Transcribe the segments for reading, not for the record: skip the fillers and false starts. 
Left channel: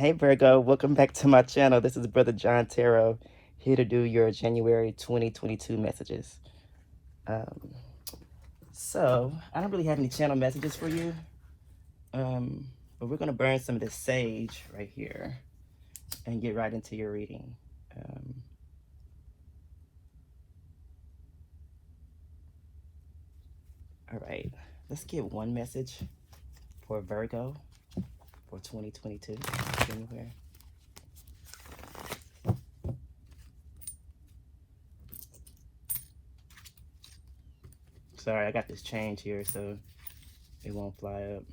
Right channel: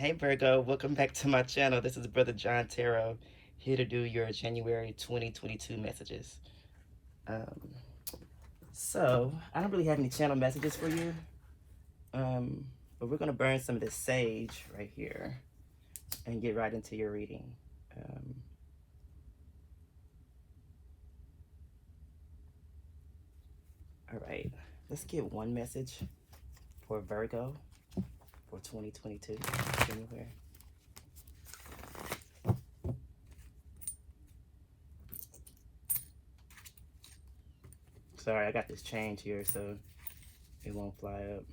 Hey Virgo, welcome back to my channel. This is Brother John Tarot, here to do your January 2022 messages. Um, I don't really have any channel messages for you, but we're going to burn some of this sage right here and get right into your reading. All right, let's get one message for Virgo for 2022 January. Sorry, I got this change here, so it won't fly up.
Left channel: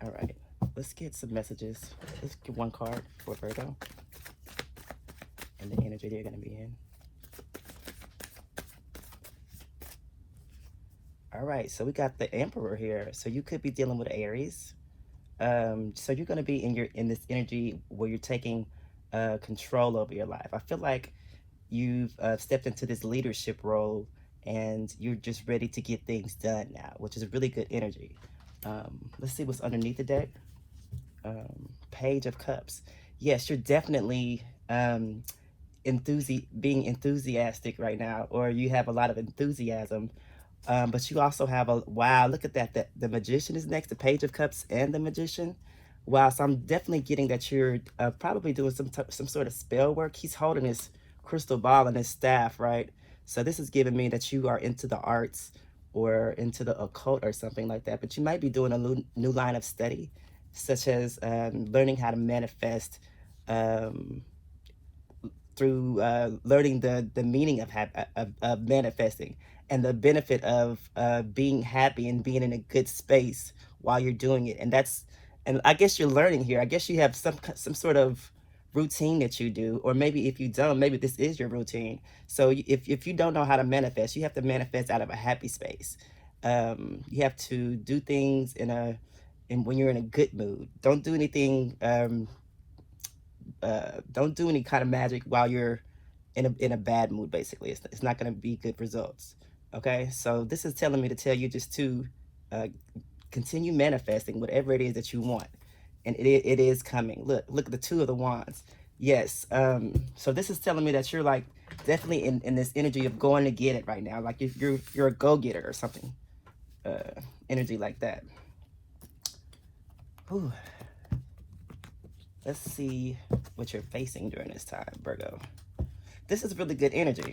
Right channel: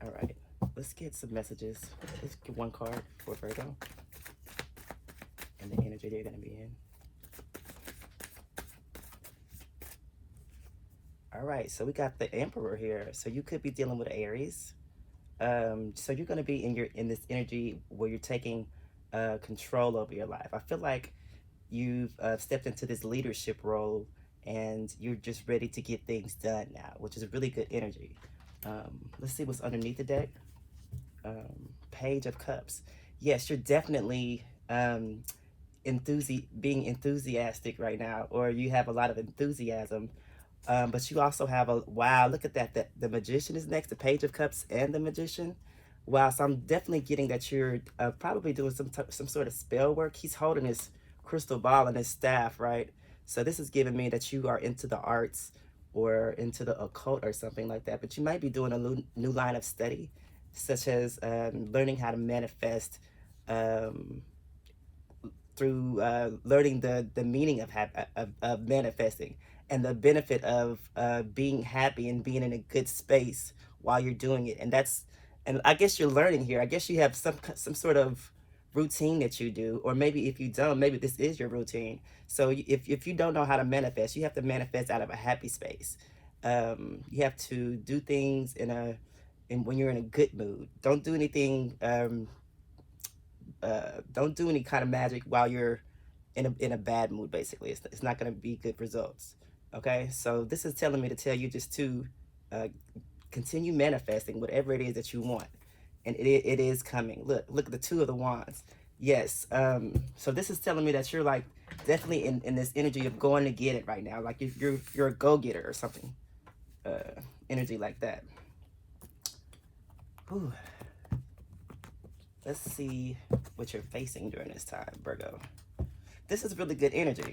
All right, let's get some messages. Let's get one card for Virgo and the energy they're going to be in. All right, so we got the Emperor here. So you could be dealing with Aries. So you're going to be in this energy where you're taking control over your life. I feel like you've stepped into this leadership role and you're just ready to get things done now, which is a really good energy. Let's see what's underneath the deck. Page of Cups. Yes, you're definitely being enthusiastic right now, or you have a lot of enthusiasm. But you also have wow, look at that. The Magician is next, the Page of Cups and the Magician. Wow, so I'm definitely getting that you're probably doing some sort of spell work. He's holding his crystal ball and his staff, right? So this is giving me that you are into the arts or into the occult or something like that. But you might be doing a new line of study, such as learning how to manifest through learning the meaning of manifesting and the benefit of being happy and being in a good space while you're doing it. And I guess you're learning here. I guess you have some sort of routine that you do, or maybe if you don't, maybe this is your routine. So if you don't know how to manifest, you have to manifest out of a happy space. You have to do things when you're in a good mood. Don't do anything. Don't do any kind of magic while you're in a bad mood. Basically, it's not going to be good results. Okay, so this is telling me to tell you just to continue manifesting whatever it is that you want, and it is coming. Look at the Two of the Wands. Yes. So this is telling me that you're like definitely in this energy of going to get it right now. Like you're a go-getter or something. Energy like that. Ooh. Let's see what you're facing during this time, Virgo. This is really good energy.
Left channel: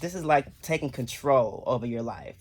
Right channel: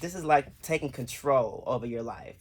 This is like taking control over your life,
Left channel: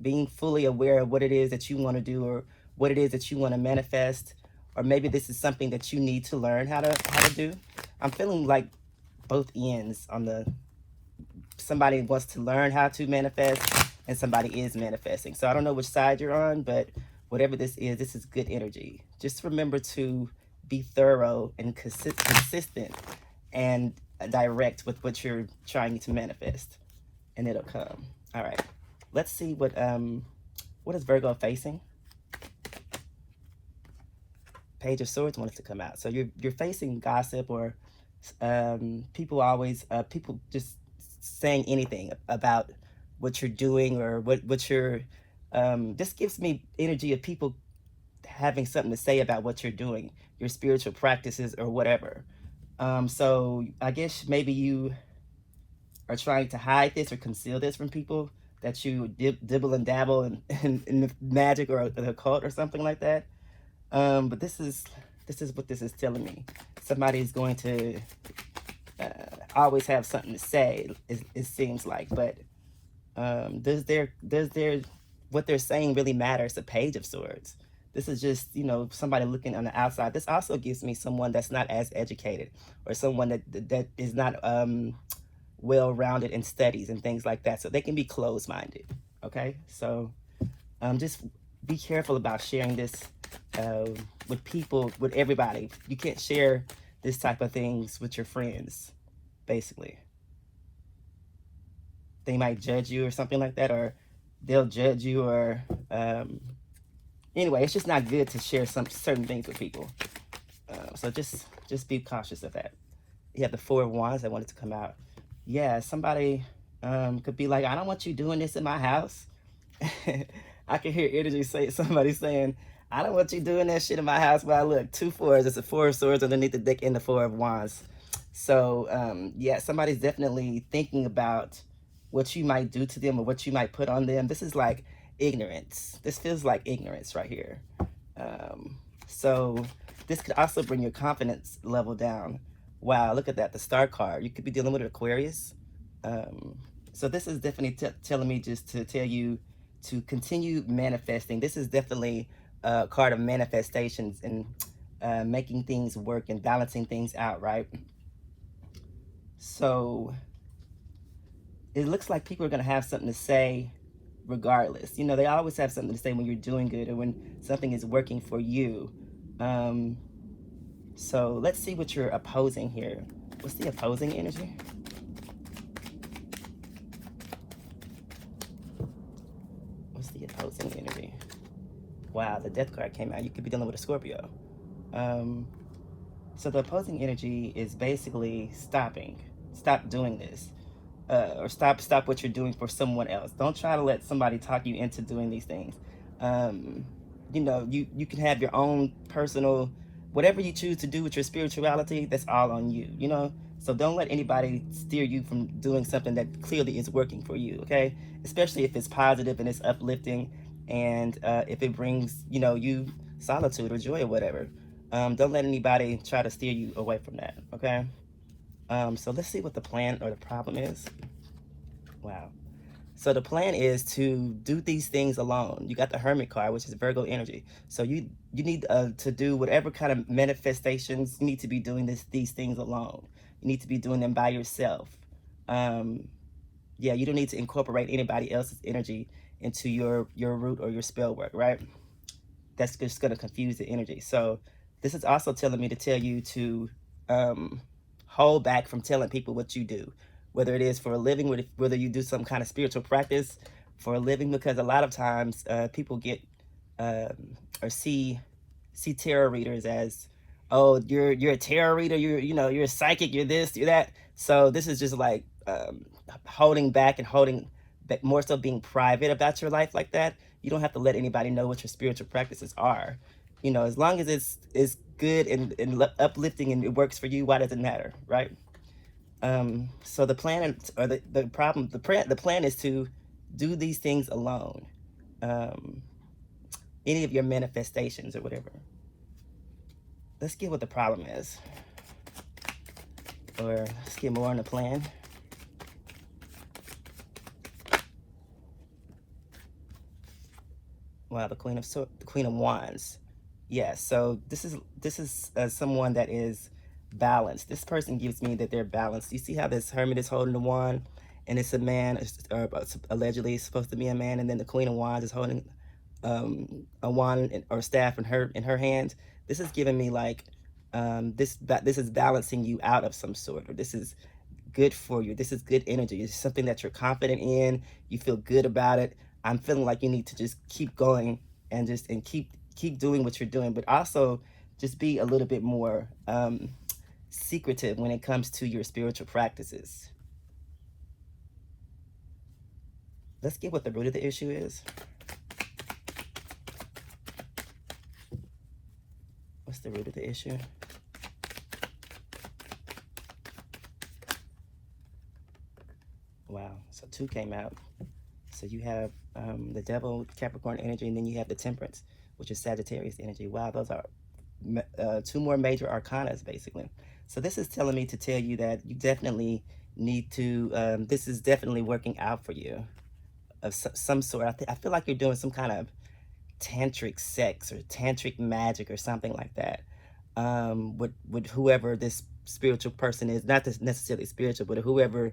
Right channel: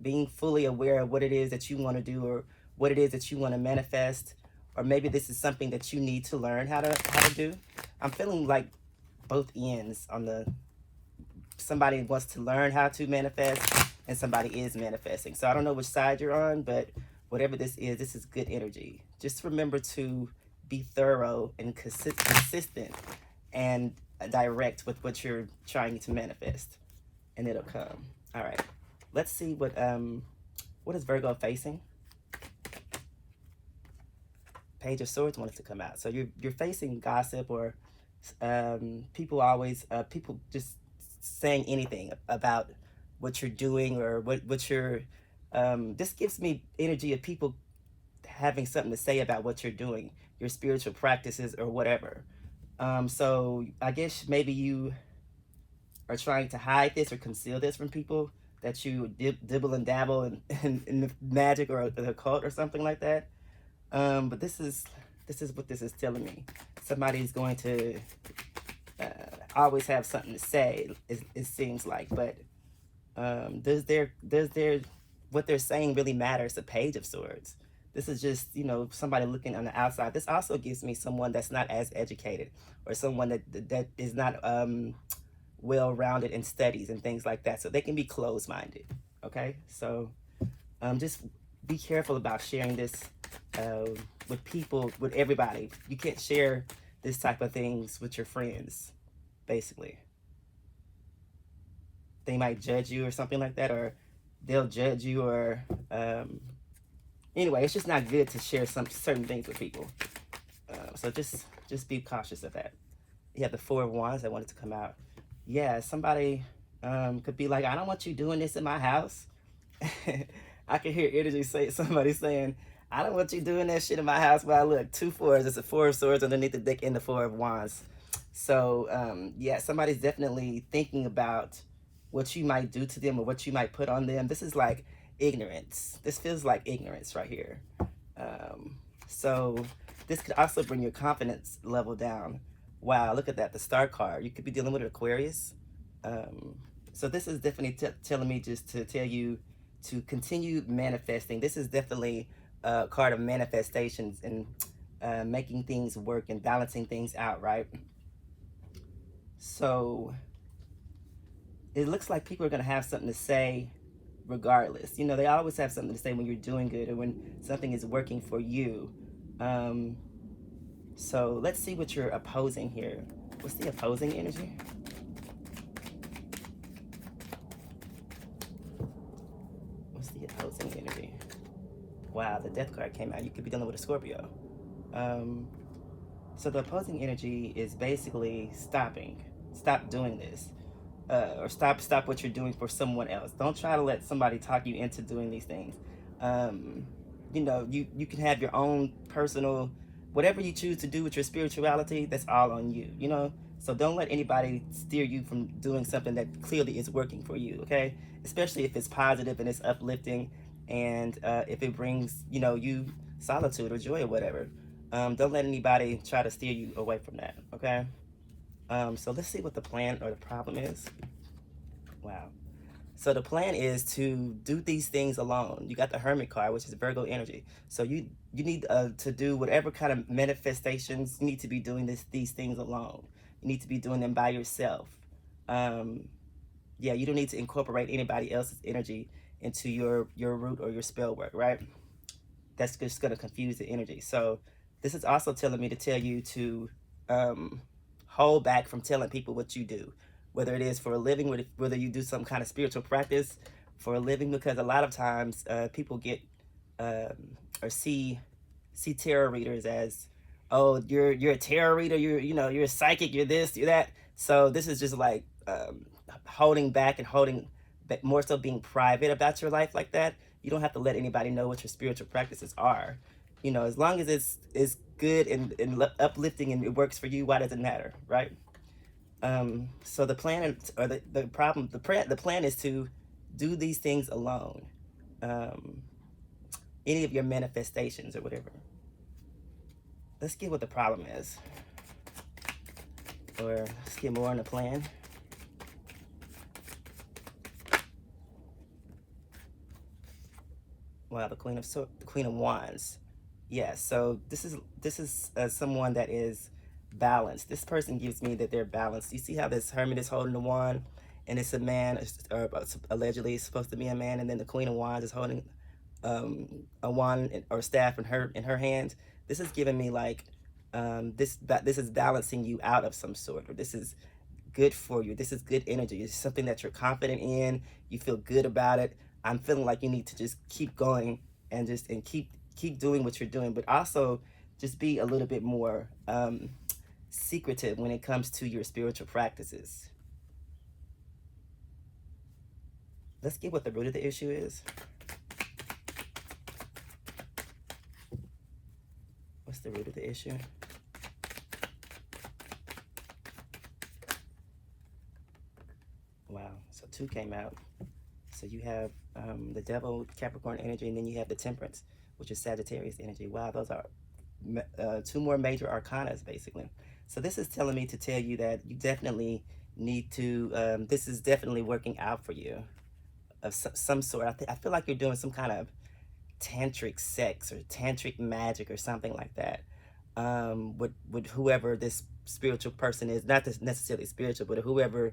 being fully aware of what it is that you want to do or what it is that you want to manifest, or maybe this is something that you need to learn how to do. I'm feeling like both ends on somebody wants to learn how to manifest and somebody is manifesting. So I don't know which side you're on, but whatever this is good energy. Just remember to be thorough and consistent and direct with what you're trying to manifest, and it'll come. All right, let's see what is Virgo facing. Page of Swords wants to come out. So you're facing gossip or people just saying anything about what you're doing or what you're this gives me energy of people having something to say about what you're doing, your spiritual practices or whatever. So I guess maybe you are trying to hide this or conceal this from people, that you dibble and dabble in the magic or the occult or something like that. But this is what this is telling me. Somebody's going to always have something to say, it seems like, but does what they're saying really matter? It's a Page of Swords. This is just, somebody looking on the outside. This also gives me someone that's not as educated, or someone that is not well-rounded in studies and things like that. So they can be closed-minded, okay? So just be careful about sharing this with people, with everybody. You can't share this type of things with your friends, basically. They might judge you or something like that, or they'll judge you, or anyway, it's just not good to share some certain things with people. So just be cautious of that. You have the Four of Wands that wanted to come out. Yeah, somebody could be like, I don't want you doing this in my house. I can hear energy say somebody saying, I don't want you doing that shit in my house. But I look, two fours, it's a four of swords underneath the deck and the four of wands. So yeah, somebody's definitely thinking about what you might do to them or what you might put on them. This is like ignorance. This feels like ignorance right here. Um, so this could also bring your confidence level down. Wow, look at that, the star card. You could be dealing with Aquarius. Um, so this is definitely telling me just to tell you to continue manifesting. This is definitely a card of manifestations and making things work and balancing things out, right? So it looks like people are going to have something to say regardless. You know, they always have something to say when you're doing good or when something is working for you. Um, so let's see what you're opposing here. What's the opposing energy? What's the opposing energy? Wow, the death card came out. You could be dealing with a Scorpio. Um, so the opposing energy is basically stopping. Stop doing this. Or stop what you're doing for someone else. Don't try to let somebody talk you into doing these things. Um, you know, you can have your own personal, whatever you choose to do with your spirituality. That's all on you. You know, so don't let anybody steer you from doing something that clearly is working for you. Okay, especially if it's positive and it's uplifting, and if it brings you solitude or joy or whatever. Don't let anybody try to steer you away from that. Okay. So let's see what the plan or the problem is. Wow. So the plan is to do these things alone. You got the Hermit card, which is Virgo energy. So you need to do whatever kind of manifestations. You need to be doing these things alone. You need to be doing them by yourself. Um, yeah, you don't need to incorporate anybody else's energy into your root or your spell work, right? That's just going to confuse the energy. So this is also telling me to tell you to um, hold back from telling people what you do, whether it is for a living, whether you do some kind of spiritual practice for a living, because a lot of times people get or see tarot readers as, oh, you're a tarot reader, you're a psychic, you're this, you're that. So this is just like holding back and holding, but more so being private about your life like that. You don't have to let anybody know what your spiritual practices are. You know, as long as it's good and uplifting and it works for you, why does it matter, right? So the plan or the problem, the plan is to do these things alone. Um, any of your manifestations or whatever. Let's get what the problem is, or let's get more on the plan. Wow, the Queen of Wands. Yeah, so this is someone that is balanced. This person gives me that they're balanced. You see how this Hermit is holding the wand, and it's a man, or allegedly it's supposed to be a man, and then the Queen of Wands is holding a wand or staff in her hand. This is giving me like this is balancing you out of some sort, or this is good for you. This is good energy. It's something that you're confident in. You feel good about it. I'm feeling like you need to just keep going and keep doing what you're doing, but also just be a little bit more secretive when it comes to your spiritual practices. Let's get what the root of the issue is. What's the root of the issue? Wow. So two came out. So you have the Devil, Capricorn energy, and then you have the Temperance, which is Sagittarius energy. Wow, those are two more major arcanas, basically. So this is telling me to tell you that you definitely need to, this is definitely working out for you of some sort. I feel like you're doing some kind of tantric sex or tantric magic or something like that with whoever this spiritual person is. Not necessarily spiritual, but whoever.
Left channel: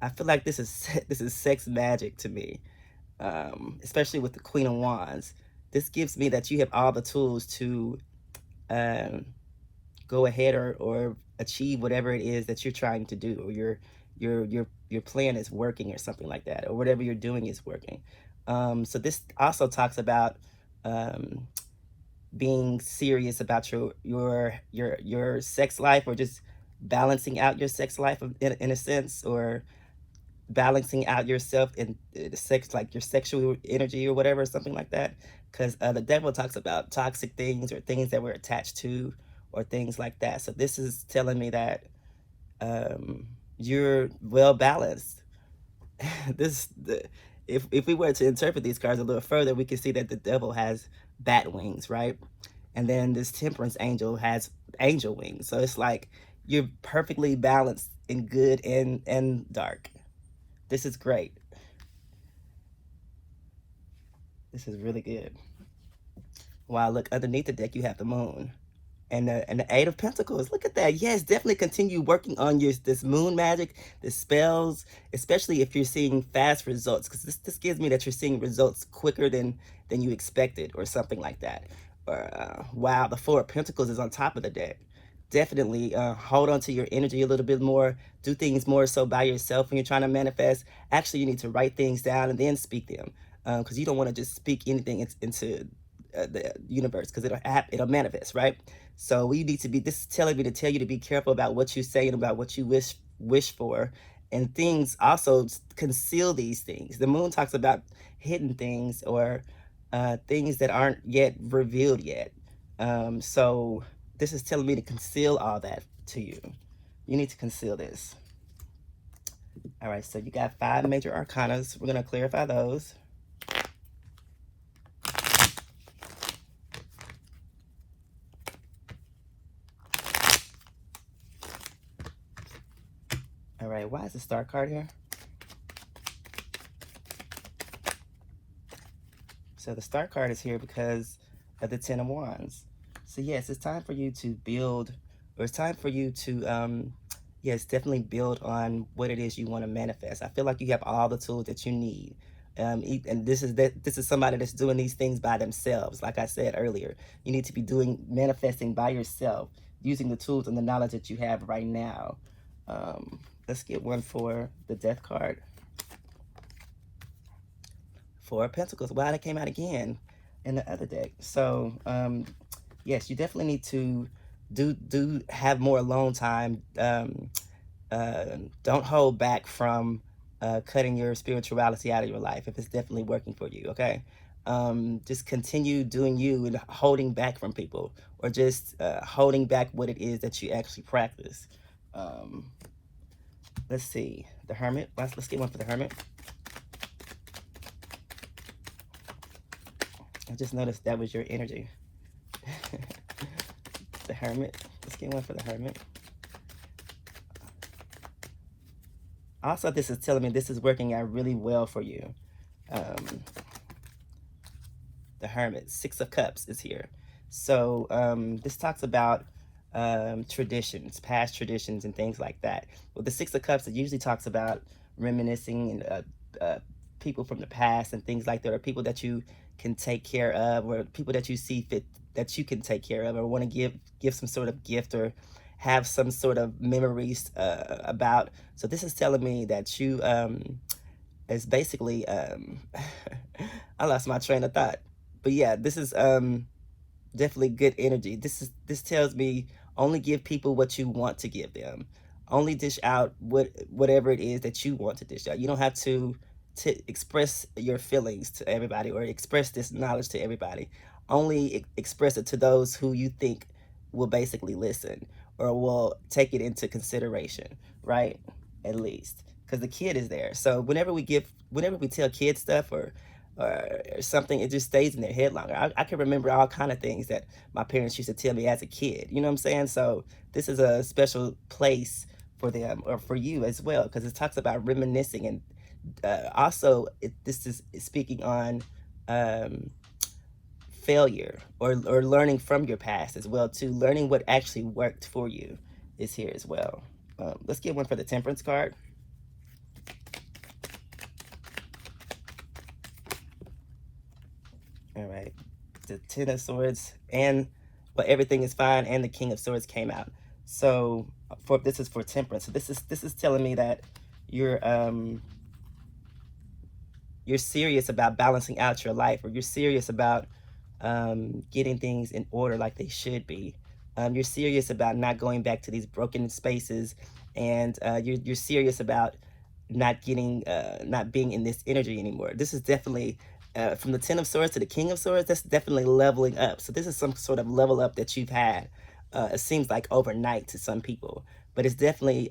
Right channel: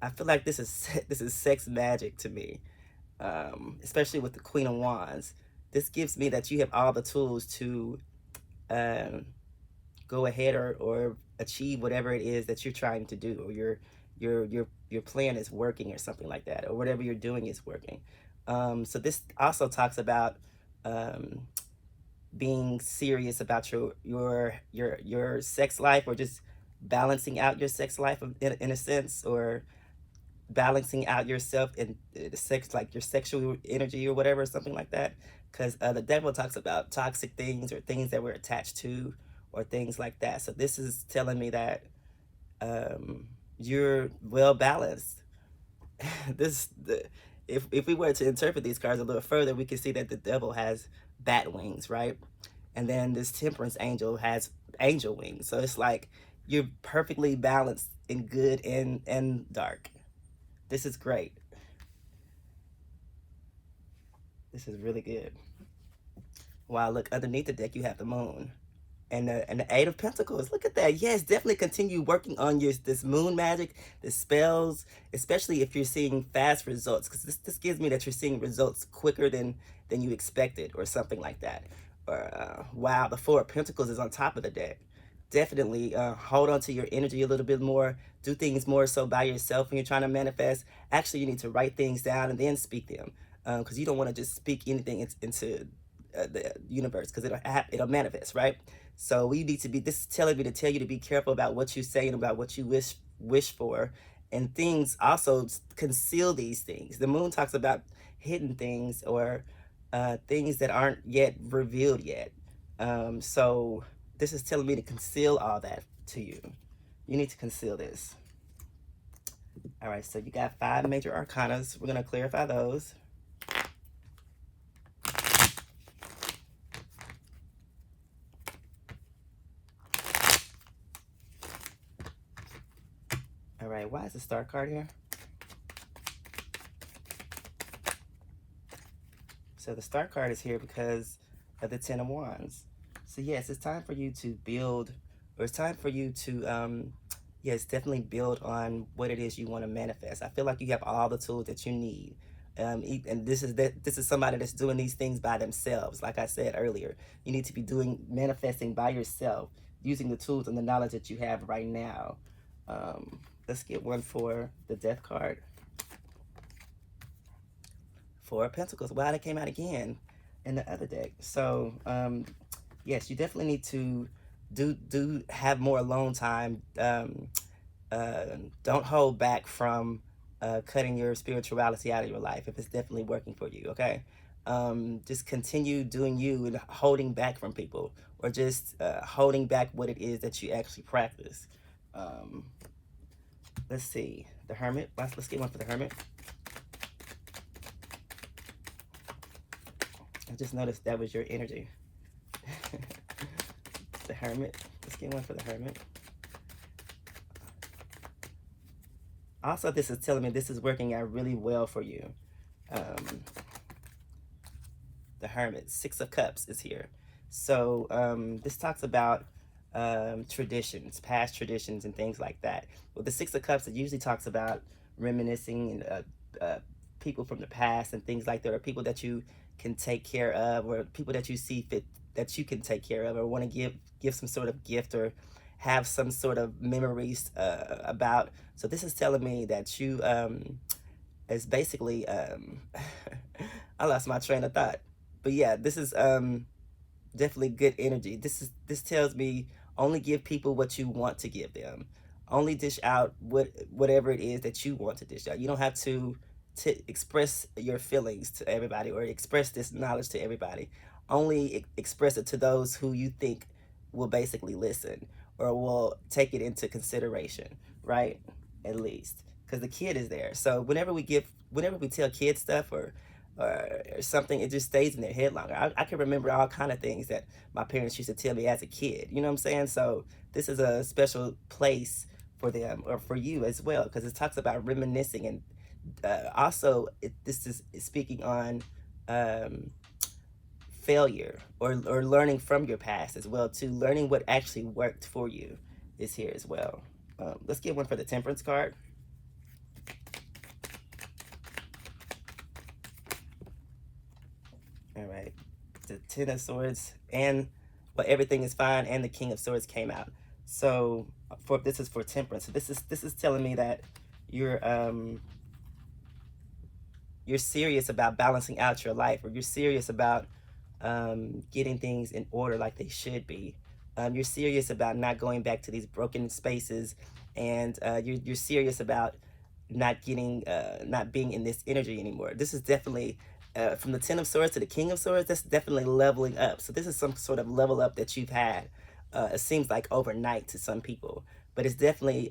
I feel like this is this is sex magic to me, especially with the Queen of Wands. This gives me that you have all the tools to um, go ahead or achieve whatever it is that you're trying to do, or your plan is working or something like that, or whatever you're doing is working. So this also talks about being serious about your sex life, or just balancing out your sex life in a sense, or balancing out yourself in the sex, like your sexual energy or whatever, something like that. Because the devil talks about toxic things or things that we're attached to or things like that. So this is telling me that you're well balanced. this the, if we were to interpret these cards a little further, we can see that the devil has bat wings, right? And then this temperance angel has angel wings. So it's like you're perfectly balanced in good and dark. This is great. This is really good. Wow, look, underneath the deck you have the moon. And the Eight of Pentacles. Look at that. Yes, definitely continue working on your this moon magic, the spells, especially if you're seeing fast results, because this gives me that you're seeing results quicker than you expected, or something like that. Or wow, the Four of Pentacles is on top of the deck. Definitely hold on to your energy a little bit more. Do things more so by yourself when you're trying to manifest. Actually, you need to write things down and then speak them, because you don't want to just speak anything into the universe, because it'll manifest, right? So we need to be. This is telling me to tell you to be careful about what you say and about what you wish for, and things. Also, conceal these things. The moon talks about hidden things, or things that aren't yet revealed yet. So this is telling me to conceal all that to you. You need to conceal this. All right, so you got 5 major arcanas. We're going to clarify those. All right, why is the Star card here? So the Star card is here because of the Ten of Wands. So yes, it's time for you to build, or it's time for you to, yes, definitely build on what it is you want to manifest. I feel like you have all the tools that you need. And this is somebody that's doing these things by themselves. Like I said earlier, you need to be manifesting by yourself, using the tools and the knowledge that you have right now. Let's get one for the Death card. 4 of Pentacles. Wow, that came out again in the other deck. So yes, you definitely need to do have more alone time. Don't hold back from cutting your spirituality out of your life if it's definitely working for you. Okay, just continue doing you and holding back from people, or just holding back what it is that you actually practice. Let's see, the Hermit. Let's get one for the Hermit. I just noticed that was your energy. The Hermit. Let's get one for the Hermit. Also, this is telling me this is working out really well for you. The Hermit. 6 of Cups is here. So this talks about traditions, past traditions, and things like that. With the 6 of Cups, it usually talks about reminiscing and people from the past and things like that, or people that you can take care of, or people that you see fit that you can take care of, or want to give some sort of gift, or have some sort of memories about. So this is telling me that you is basically I lost my train of thought. But yeah, this is definitely good energy. This tells me only give people what you want to give them. Only dish out whatever it is that you want to dish out. You don't have to express your feelings to everybody, or express this knowledge to everybody. Only express it to those who you think will basically listen, or will take it into consideration, right? At least, because the kid is there. So whenever we tell kids stuff, or something, it just stays in their head longer. I can remember all kind of things that my parents used to tell me as a kid. You know what I'm saying? So this is a special place for them, or for you as well, because it talks about reminiscing, and also this is speaking on failure, or learning from your past as well too. Learning what actually worked for you is here as well. Let's get one for the Temperance card. All right, the Ten of Swords, and but everything is fine, and the King of Swords came out. So this is for Temperance. So this is telling me that you're serious about balancing out your life, or you're serious about getting things in order like they should be. You're serious about not going back to these broken spaces, and you're serious about not being in this energy anymore. This is definitely from the Ten of Swords to the King of Swords. That's definitely leveling up. So this is some sort of level up that you've had. It seems like overnight to some people, but it's definitely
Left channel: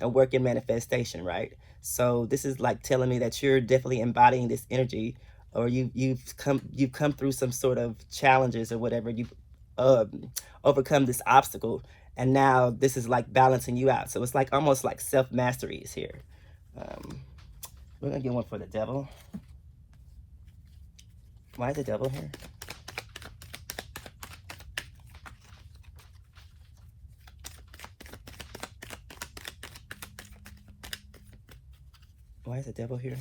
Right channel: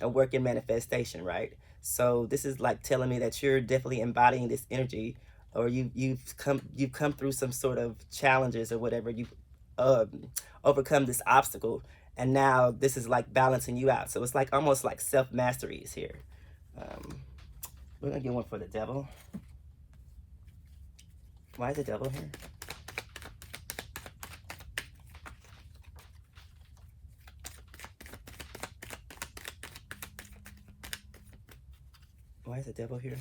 a work in manifestation, right? So this is like telling me that you're definitely embodying this energy, or you've come through some sort of challenges or whatever. You've overcome this obstacle, and now this is like balancing you out. So it's like almost like self mastery is here. We're gonna get one for the devil. Why is the devil here? Why is the devil here?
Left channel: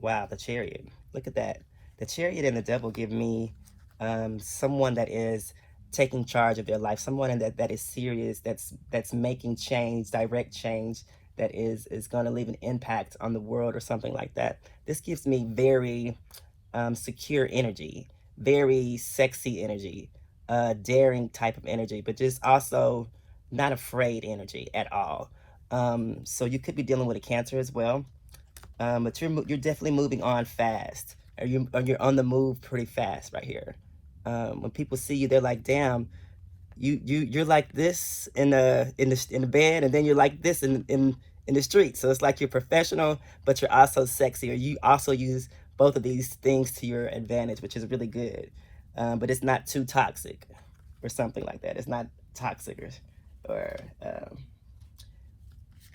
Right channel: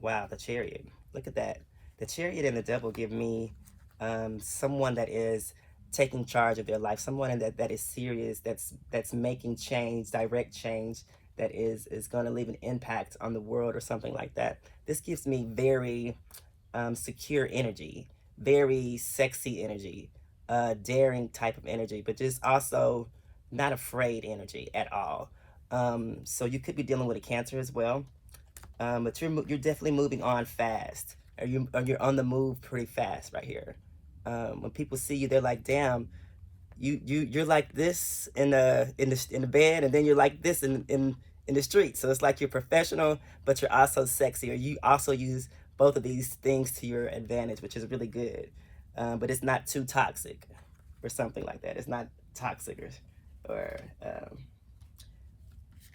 Wow, the Chariot. Look at that. The Chariot and the devil give me someone that is taking charge of their life, someone that is serious, that's making change, direct change, that is going to leave an impact on the world or something like that. This gives me very secure energy, very sexy energy, daring type of energy, but just also not afraid energy at all. So you could be dealing with a Cancer as well, but you're definitely moving on fast, or you're on the move pretty fast right here. When people see you, they're like, "Damn, you're like this in the band, and then you're like this in the street." So it's like you're professional, but you're also sexy, or you also use both of these things to your advantage, which is really good. But it's not too toxic, or something like that. It's not toxic or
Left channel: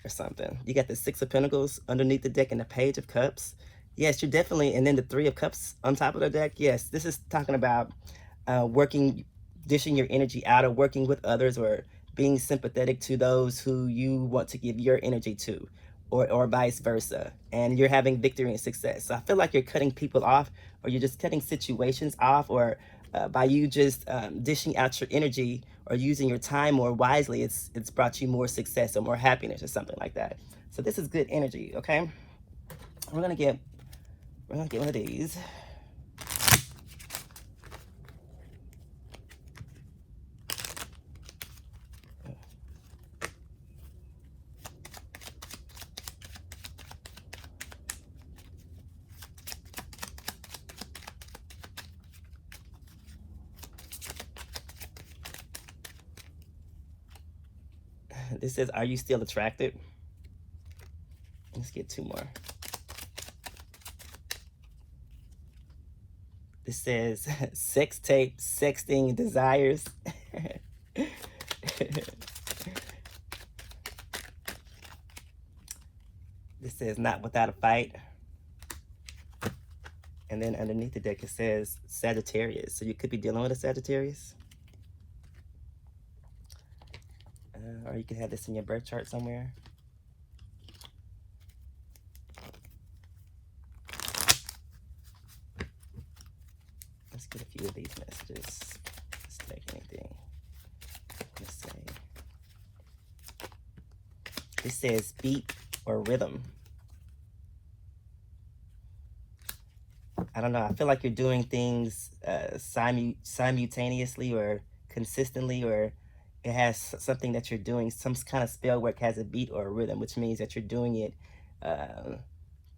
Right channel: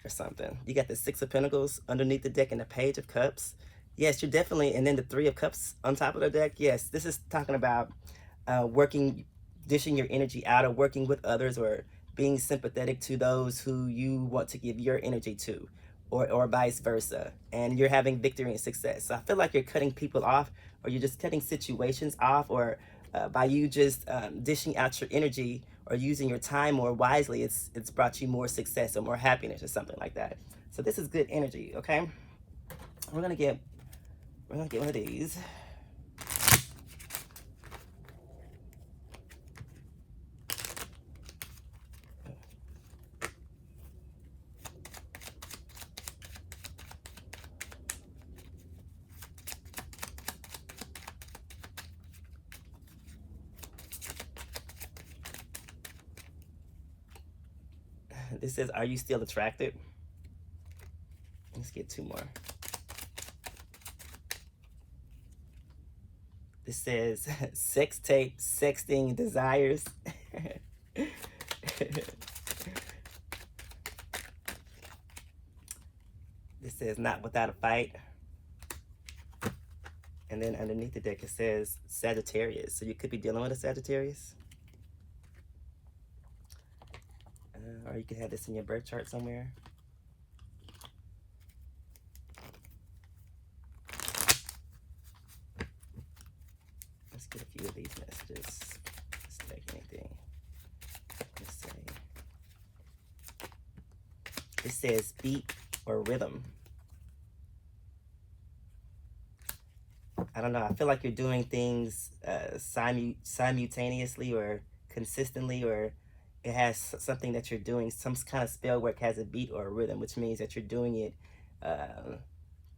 or something. You got the Six of Pentacles underneath the deck and the Page of Cups. Yes, you're definitely, and then the Three of Cups on top of the deck. Yes, this is talking about dishing your energy out, or working with others, or being sympathetic to those who you want to give your energy to, or vice versa. And you're having victory and success. So I feel like you're cutting people off, or you're just cutting situations off, or by you just dishing out your energy or using your time more wisely, it's brought you more success or more happiness or something like that. So this is good energy, okay? We're gonna get one of these. This says, "Are you still attracted?" Let's get two more. This says, "Sex tape, sexting, desires." This says, "Not without a fight." And then underneath the deck it says Sagittarius. So you could be dealing with a Sagittarius. Or you could have this in your birth chart somewhere. Let's get a few of these messages. Let's take anything. Let's say. This says beat or rhythm. I don't know. I feel like you're doing things simultaneously or consistently, or it has something that you're doing. Some kind of spell work has a beat or a rhythm, which means that you're doing it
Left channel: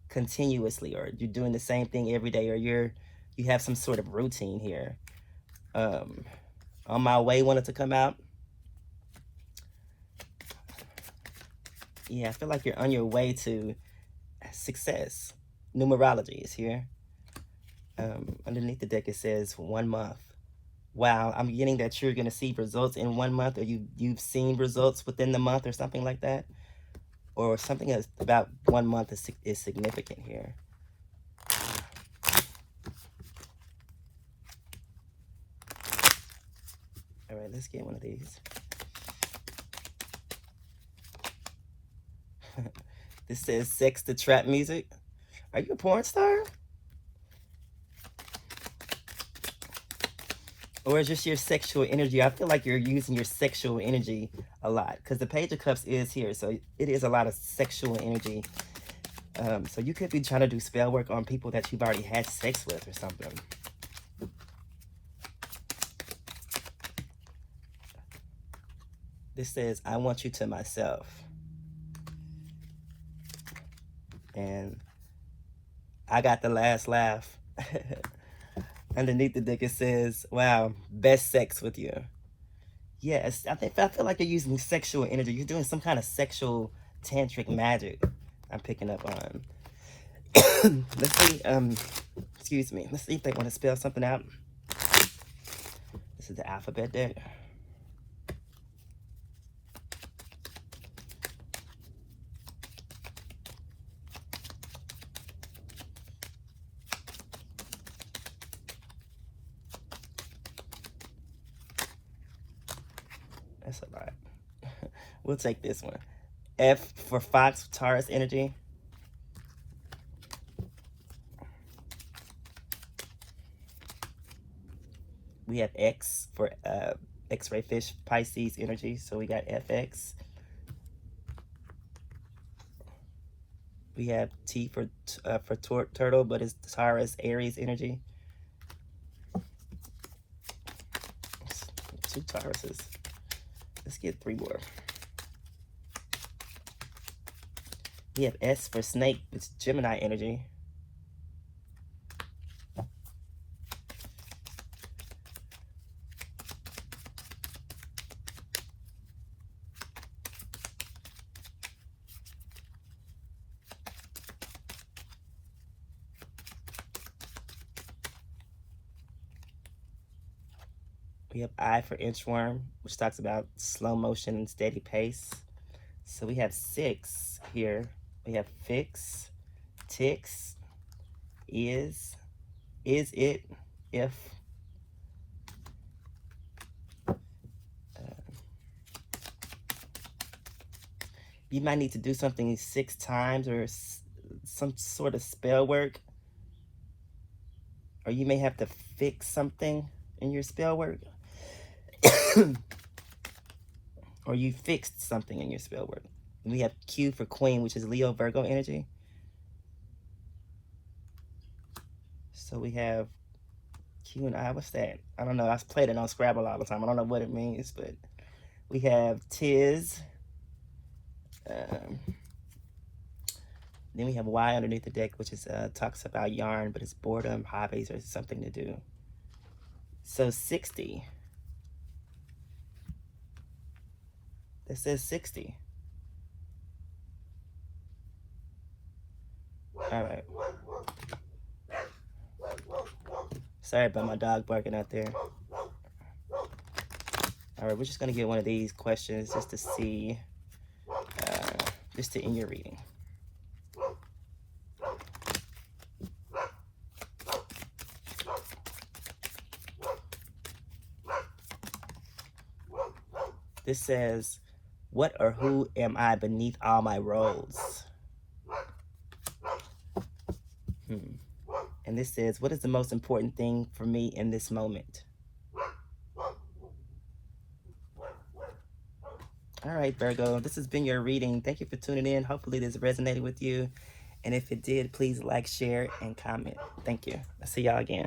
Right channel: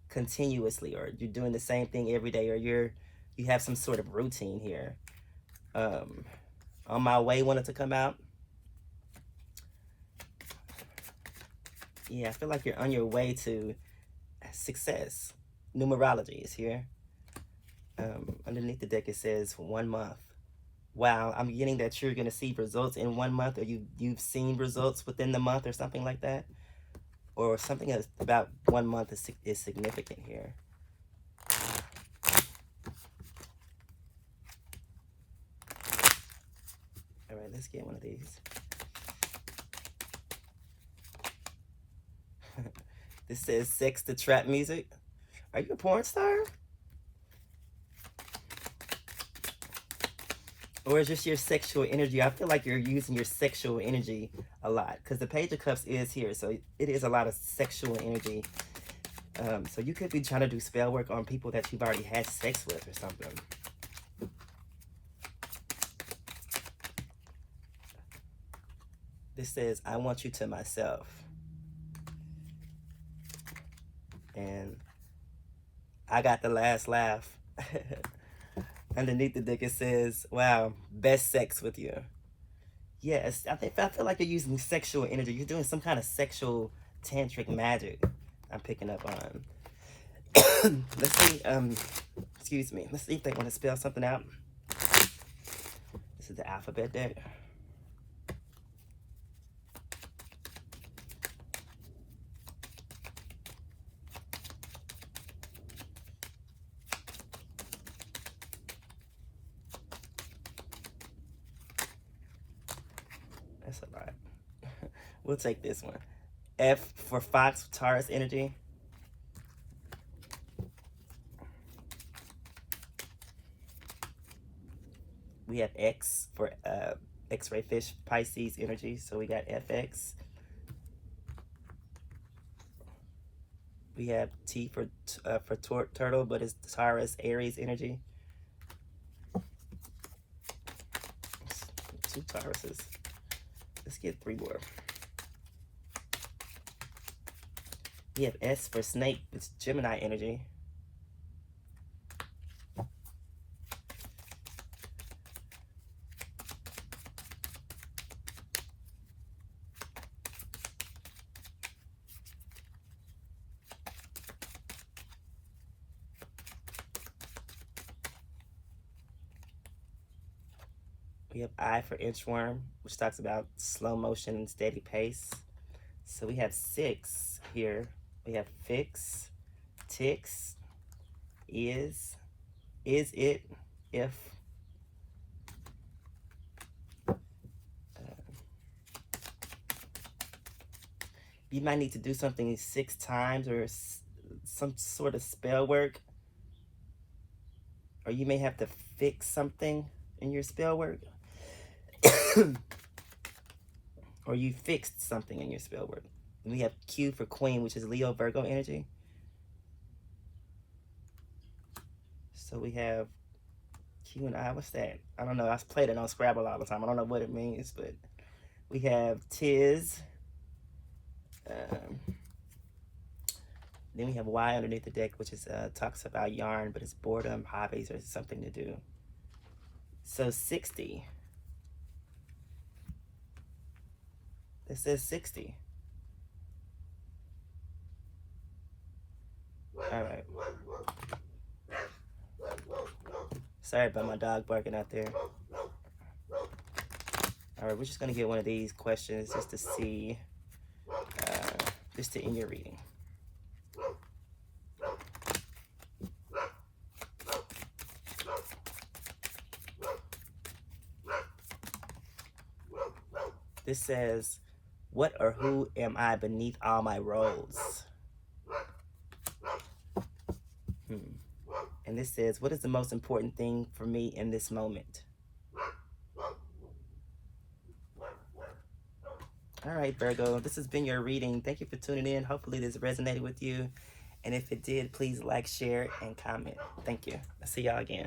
continuously, or you're doing the same thing every day, or you have some sort of routine here. On My Way wanted to come out. Yeah, I feel like you're on your way to success. Numerology is here. Underneath the deck it says 1 month. Wow, I'm getting that you're going to see results in 1 month, or you've seen results within the month or something like that. Or something that's about 1 month is significant here. All right, let's get one of these. This says sex to trap music. Are you a porn star? Or is just your sexual energy? I feel like you're using your sexual energy a lot, because the Page of Cups is here, so it is a lot of sexual energy. So you could be trying to do spell work on people that you've already had sex with or something. This says, I want you to myself. And I got the last laugh. Underneath the deck it says, wow, best sex with you. Yes, I feel like you're using sexual energy. You're doing some kind of sexual tantric magic I'm picking up on. Let's see, excuse me. Let's see if they want to spell something out. This is the alphabet deck. That's a lot. We'll take this one. F for Fox, Taurus energy. We have X for X-ray fish, Pisces energy. So we got FX. We have T for turtle, but it's Taurus, Aries energy. Two Tauruses. Let's get 3 more. We have S for snake, it's Gemini energy. We have I for inchworm, which talks about slow motion and steady pace. So we have 6 here. We have fix, ticks, is it, if. You might need to do something 6 times or some sort of spell work. Or you may have to fix something in your spell work. Or you fixed something in your spell work. And we have Q for queen, which is Leo, Virgo energy. So we have Q and I. What's that? I don't know. I played it on Scrabble all the time. I don't know what it means, but we have Tiz. Then we have Y underneath the deck, which is talks about yarn, but it's boredom, hobbies, or something to do. So 60. It says 60. All right. Sorry about my dog barking out there. All right, we're just gonna get one of these questions just to see, just to end your reading. This says, what or who am I beneath all my roles? And this says, what is the most important thing for me in this moment? All right, Virgo, this has been your reading. Thank you for tuning in. Hopefully this resonated with you. And if it did, please like, share, and comment. Thank you. I'll see y'all again.